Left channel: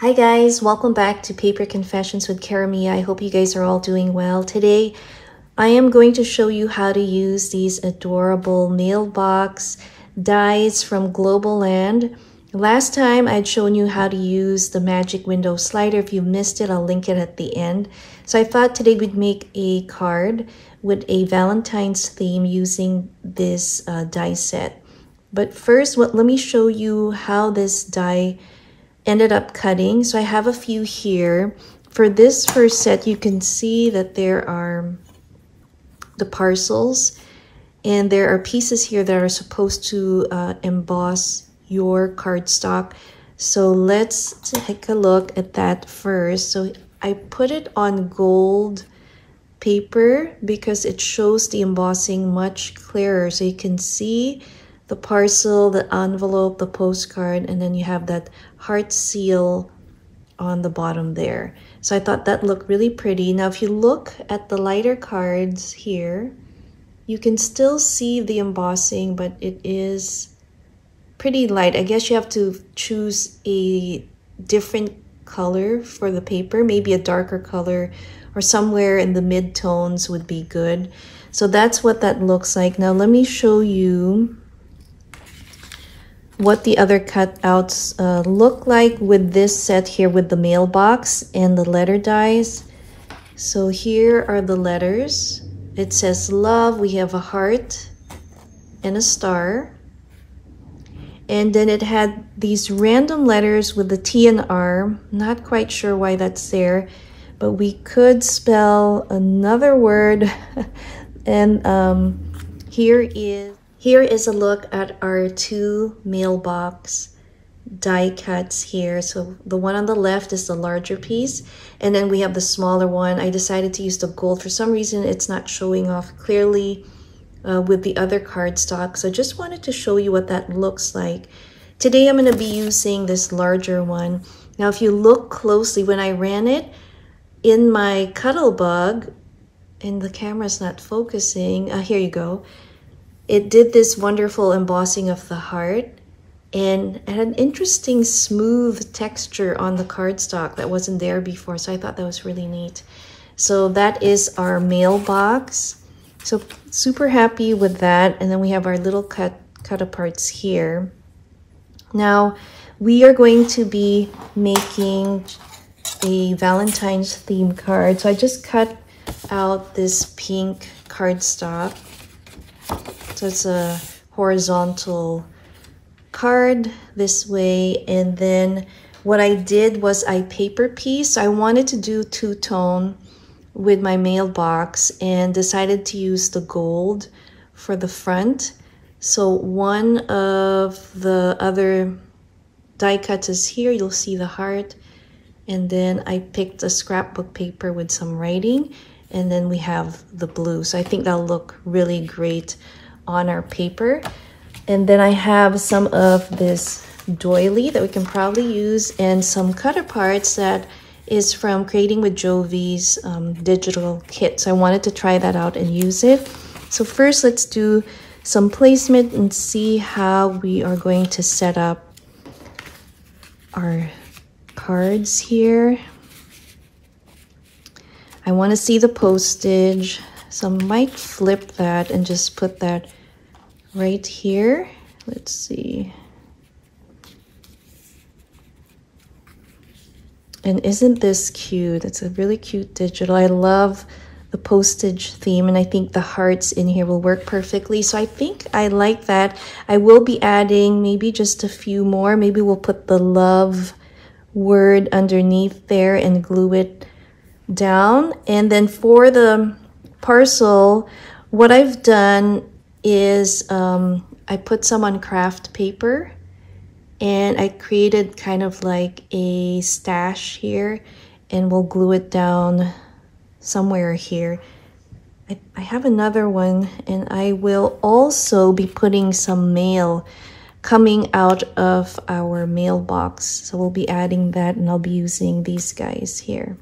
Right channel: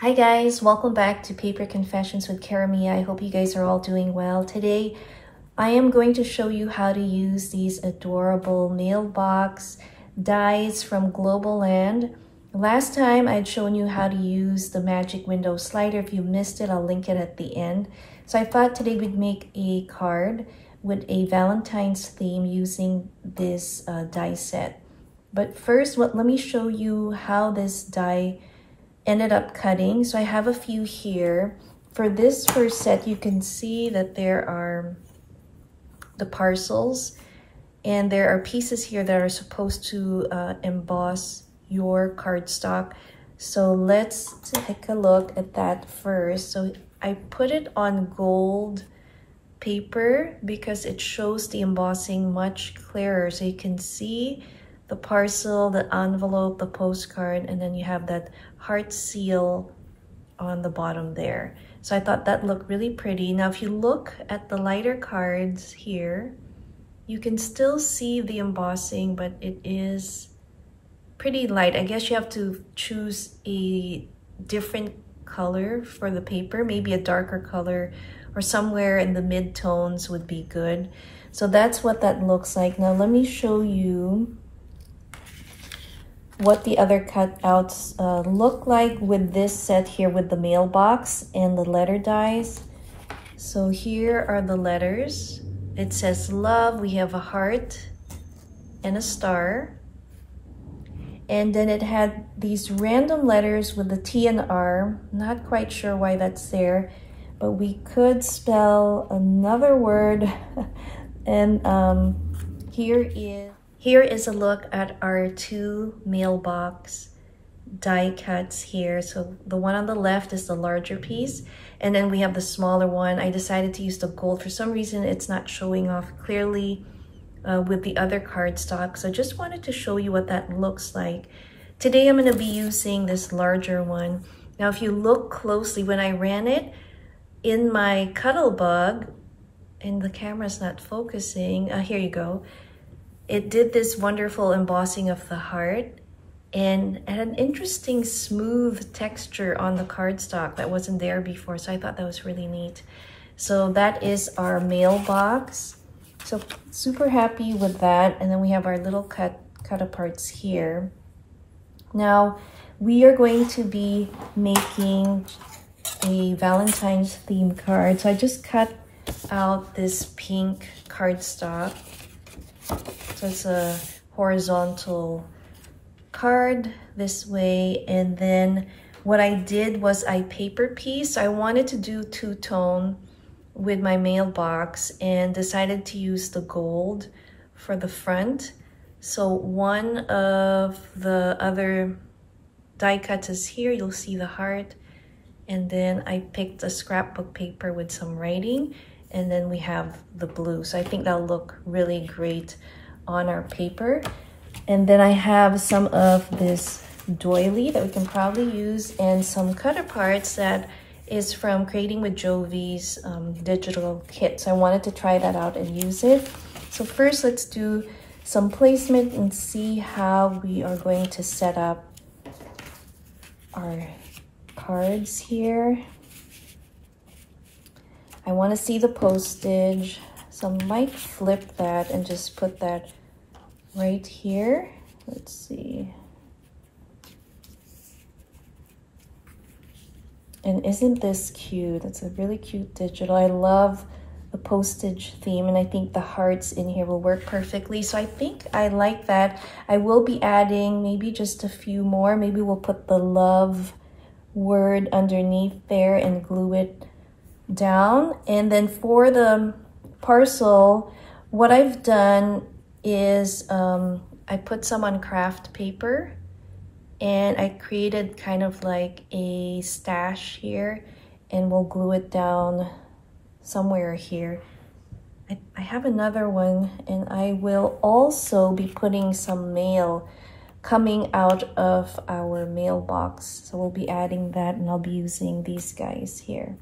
Hi guys, welcome back to Paper Confessions with Karamia. I hope you guys are all doing well. Today, I am going to show you how to use these adorable mailbox dies from globleland. Last time, I'd shown you how to use the magic window slider. If you missed it, I'll link it at the end. So I thought today we'd make a card with a Valentine's theme using this die set. But first, let me show you how this die ended up cutting. So I have a few here. For this first set, you can see that there are the parcels and there are pieces here that are supposed to emboss your cardstock. So let's take a look at that first. So I put it on gold paper because it shows the embossing much clearer. So you can see the parcel, the envelope, the postcard, and then you have that heart seal on the bottom there. So I thought that looked really pretty. Now, if you look at the lighter cards here, you can still see the embossing, but it is pretty light. I guess you have to choose a different color for the paper, maybe a darker color or somewhere in the mid-tones would be good. So that's what that looks like. Now, let me show you what the other cutouts look like with this set here with the mailbox and the letter dies. So here are the letters. It says love, we have a heart and a star. And then it had these random letters with the T and R. Not quite sure why that's there, but we could spell another word. And here is a look at our two mailbox die cuts here. So the one on the left is the larger piece, and then we have the smaller one. I decided to use the gold. For some reason, it's not showing off clearly with the other cardstock. So I just wanted to show you what that looks like. Today, I'm going to be using this larger one. Now, if you look closely, when I ran it in my Cuttlebug, and the camera's not focusing, here you go. It did this wonderful embossing of the heart and it had an interesting smooth texture on the cardstock that wasn't there before. So I thought that was really neat. So that is our mailbox. So super happy with that. And then we have our little cut aparts here. Now we are going to be making a Valentine's theme card. So I just cut out this pink cardstock. So it's a horizontal card this way, and then what I did was I paper pieced. I wanted to do two-tone with my mailbox and decided to use the gold for the front. So one of the other die cuts is here. You'll see the heart, and then I picked a scrapbook paper with some writing, and then we have the blue. So I think that'll look really great on our paper. And then I have some of this doily that we can probably use and some cut aparts that is from Creating with Jovi's digital kit. So I wanted to try that out and use it. So first, let's do some placement and see how we are going to set up our cards here. I want to see the postage, so I might flip that and just put that right here. Let's see. And isn't this cute? It's a really cute digital. I love the postage theme, and I think the hearts in here will work perfectly. So I think I like that. I will be adding maybe just a few more. Maybe we'll put the love word underneath there and glue it down. And then for the parcel, what I've done is I put some on craft paper and I created kind of like a stash here, and we'll glue it down somewhere here. I have another one, and I will also be putting some mail coming out of our mailbox. So we'll be adding that, and I'll be using these guys here,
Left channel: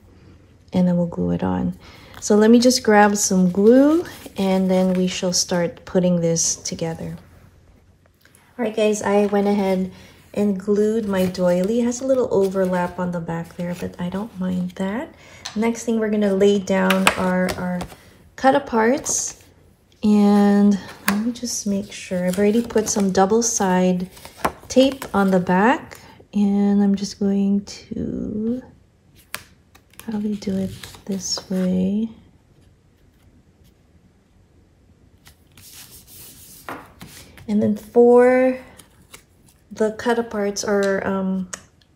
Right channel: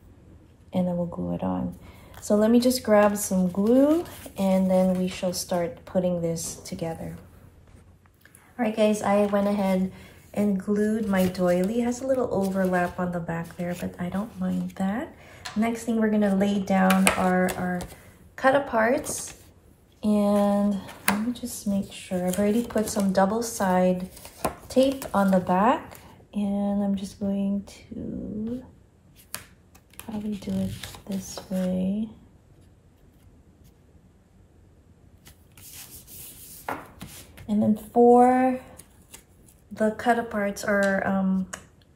and then we'll glue it on. So let me just grab some glue, and then we shall start putting this together. All right, guys, I went ahead and glued my doily. It has a little overlap on the back there, but I don't mind that. Next thing we're gonna lay down are our cut aparts. And let me just make sure. I've already put some double side tape on the back, and I'm just going to probably do it this way. And then for the cut aparts, or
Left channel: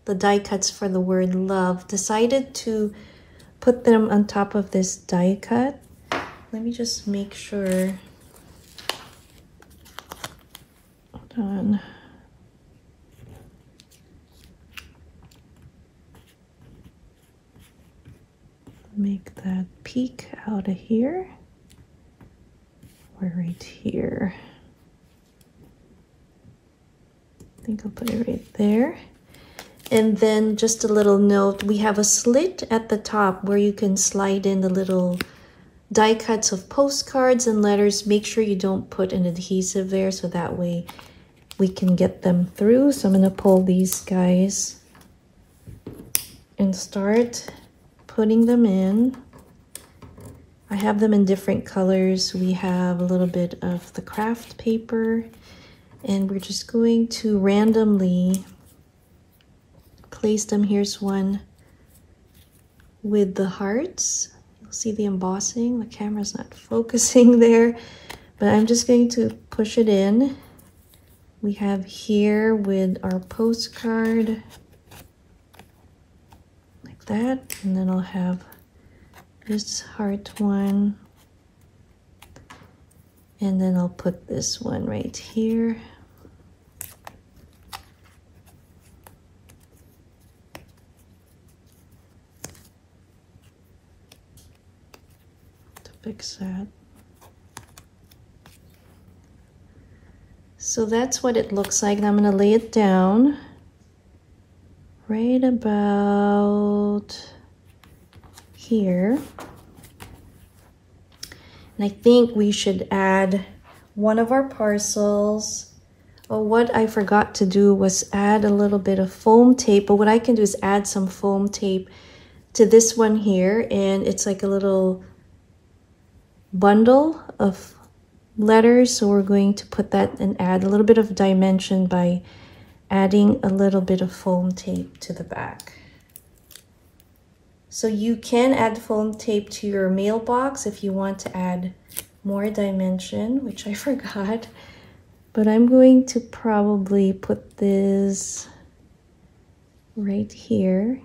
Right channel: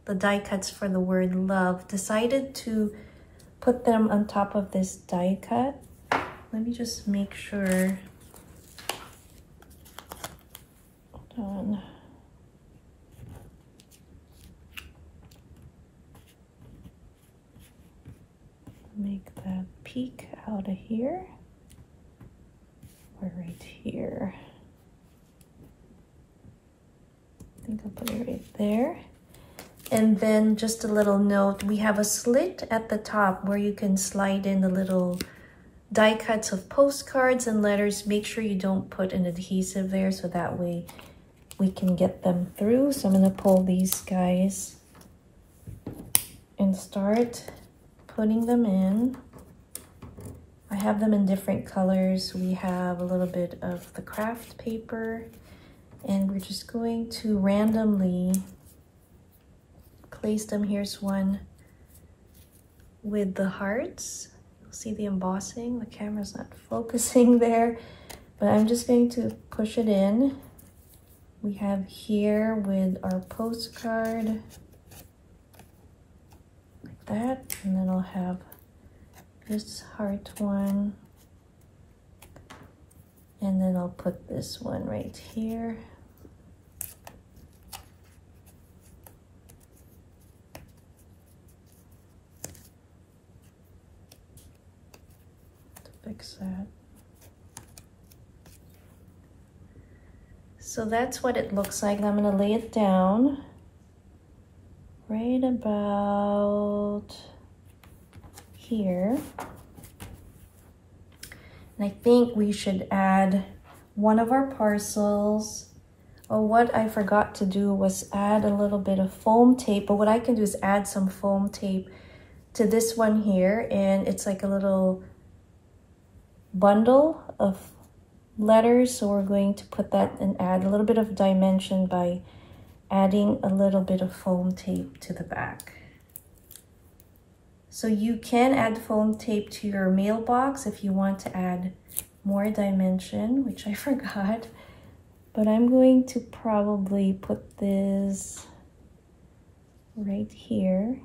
the die cuts for the word love, decided to put them on top of this die cut. Let me just make sure. Hold on. Make that peek out of here. Or right here. I think I'll put it right there. And then just a little note, we have a slit at the top where you can slide in the little die cuts of postcards and letters. Make sure you don't put an adhesive there so that way we can get them through. So I'm going to pull these guys and start putting them in. I have them in different colors. We have a little bit of the craft paper, and we're just going to randomly place them. Here's one with the hearts. See the embossing? The camera's not focusing there, but I'm just going to push it in. We have here with our postcard, like that, and then I'll have this heart one, and then I'll put this one right here. Fix that. So that's what it looks like. Now I'm going to lay it down right about here. And I think we should add one of our parcels. Well, what I forgot to do was add a little bit of foam tape, but what I can do is add some foam tape to this one here, and it's like a little bundle of letters. So we're going to put that and add a little bit of dimension by adding a little bit of foam tape to the back. So you can add foam tape to your mailbox if you want to add more dimension, which I forgot, but I'm going to probably put this right here.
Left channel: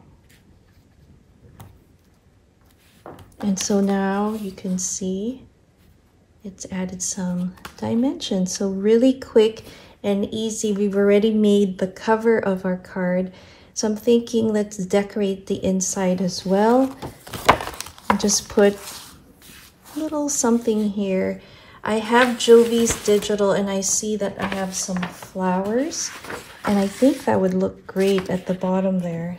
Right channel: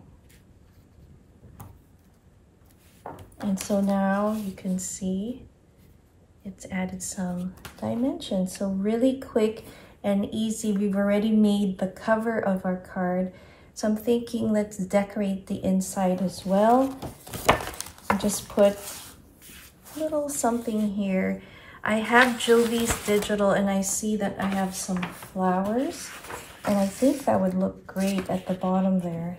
And so now you can see it's added some dimension. So really quick and easy. We've already made the cover of our card. So I'm thinking let's decorate the inside as well. I just put a little something here. I have Jovi's Digital, and I see that I have some flowers, and I think that would look great at the bottom there.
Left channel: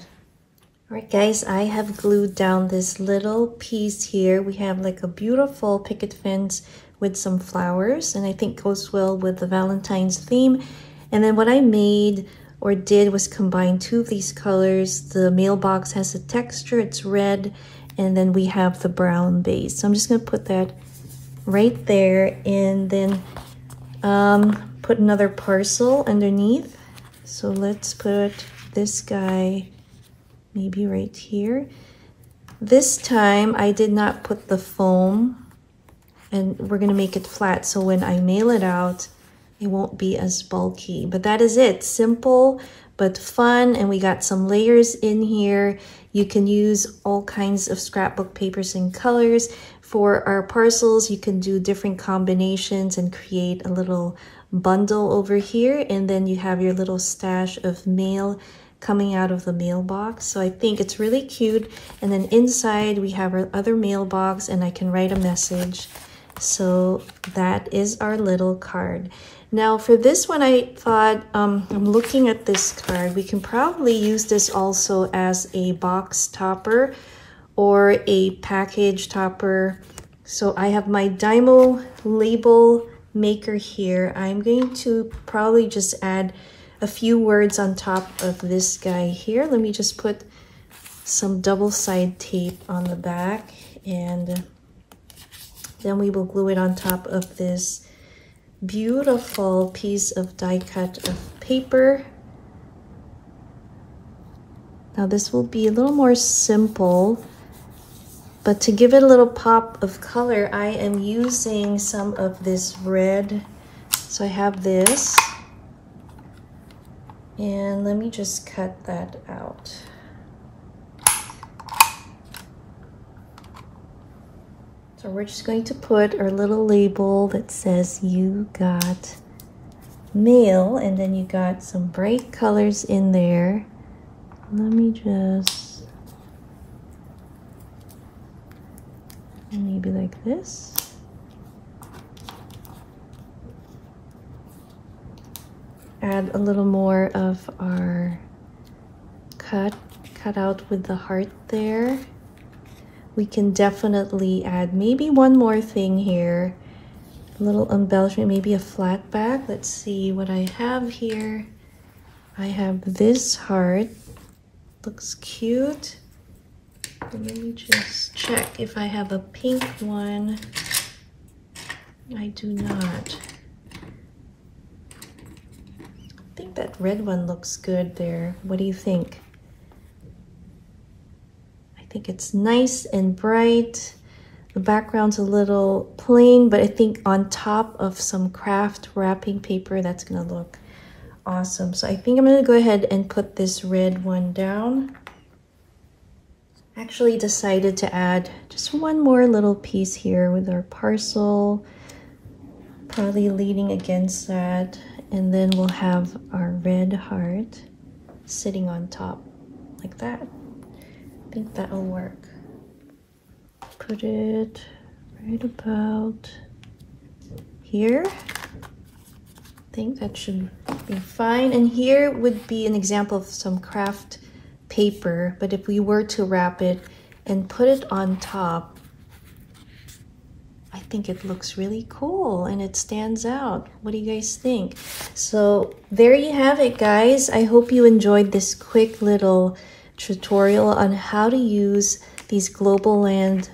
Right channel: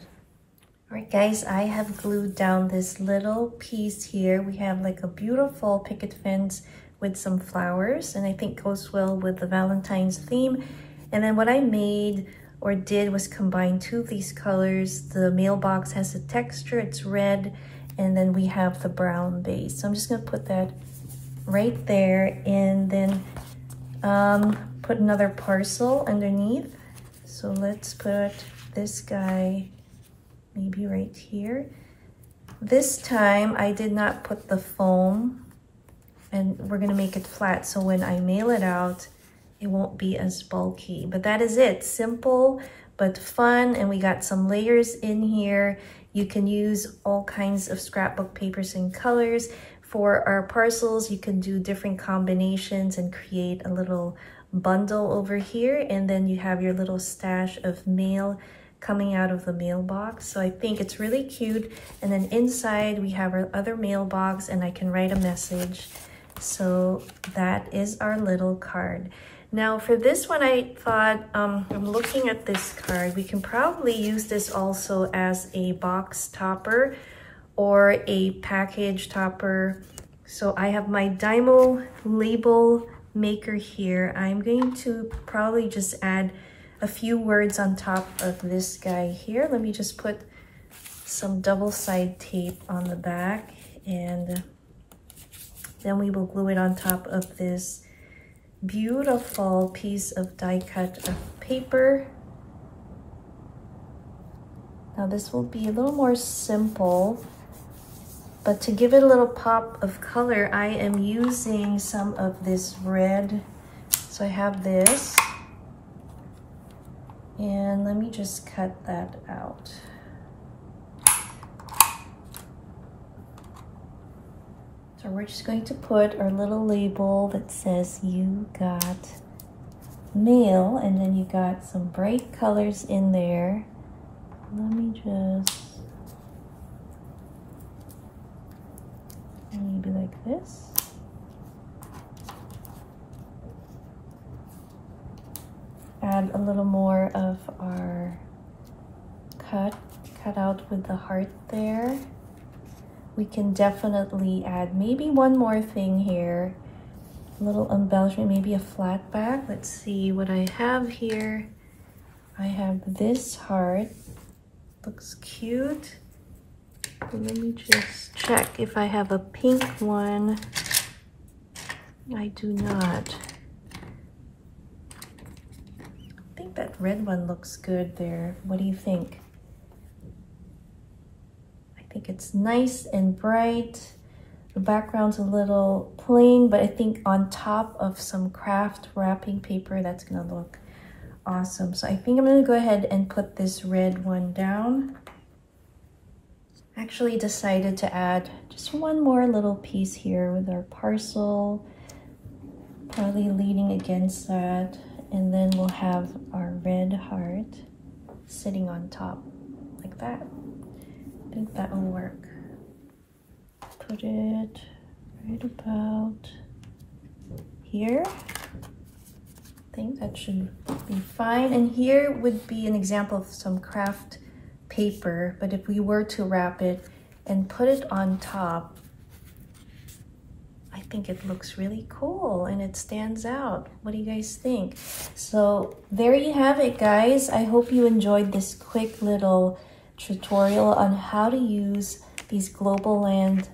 All right, guys, I have glued down this little piece here. We have like a beautiful picket fence with some flowers, and I think goes well with the Valentine's theme. And then what I made or did was combine two of these colors. The mailbox has a texture, it's red, and then we have the brown base. So I'm just gonna put that right there, and then put another parcel underneath. So let's put this guy maybe right here. This time I did not put the foam, and we're gonna make it flat so when I mail it out it won't be as bulky. But that is it, simple but fun, and we got some layers in here. You can use all kinds of scrapbook papers and colors. For our parcels, you can do different combinations and create a little bundle over here, and then you have your little stash of mail coming out of the mailbox. So I think it's really cute. And then inside we have our other mailbox, and I can write a message. So that is our little card. Now for this one, I thought, I'm looking at this card, we can probably use this also as a box topper or a package topper. So I have my Dymo label maker here. I'm going to probably just add a a few words on top of this guy here. Let me just put some double side tape on the back, and then we will glue it on top of this beautiful piece of die cut of paper. Now this will be a little more simple, but to give it a little pop of color, I am using some of this red. So I have this, and let me just cut that out. So we're just going to put our little label that says you got mail, and then you got some bright colors in there. Let me just, maybe like this. Add a little more of our cut out with the heart there. We can definitely add maybe one more thing here, a little embellishment, maybe a flat back. Let's see what I have here. I have this heart, looks cute. And let me just check if I have a pink one. I do not. I think that red one looks good there. What do you think? I think it's nice and bright. The background's a little plain, but I think on top of some craft wrapping paper, that's gonna look awesome. So I think I'm gonna go ahead and put this red one down. Actually decided to add just one more little piece here with our parcel, probably leaning against that, and then we'll have our red heart sitting on top like that. I think that'll work. Put it right about here. I think that should be fine. And here would be an example of some craft paper, but if we were to wrap it and put it on top, I think it looks really cool and it stands out. What do you guys think? So there you have it, guys. I hope you enjoyed this quick little tutorial on how to use these globleland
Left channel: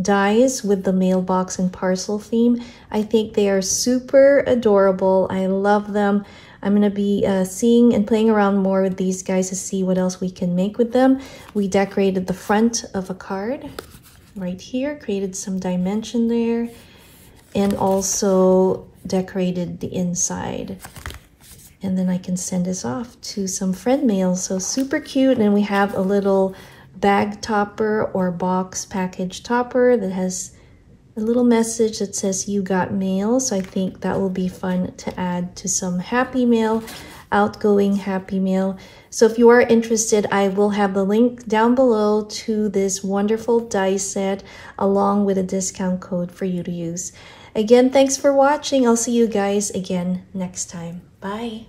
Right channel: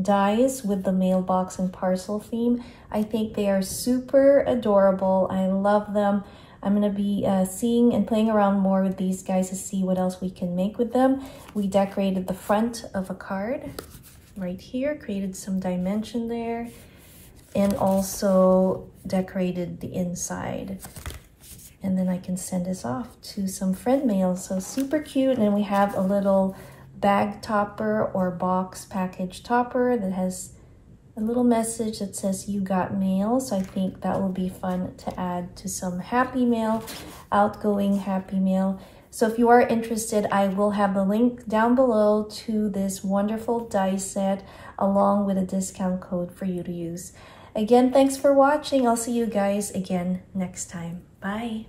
dies with the mailbox and parcel theme. I think they are super adorable. I love them. I'm going to be seeing and playing around more with these guys to see what else we can make with them. We decorated the front of a card right here, created some dimension there, and also decorated the inside. And then I can send this off to some friend mail. So super cute. And we have a little bag topper or box package topper that has a little message that says you got mail. So I think that will be fun to add to some happy mail, outgoing happy mail. So if you are interested, I will have the link down below to this wonderful die set along with a discount code for you to use. Again, thanks for watching. I'll see you guys again next time. Bye.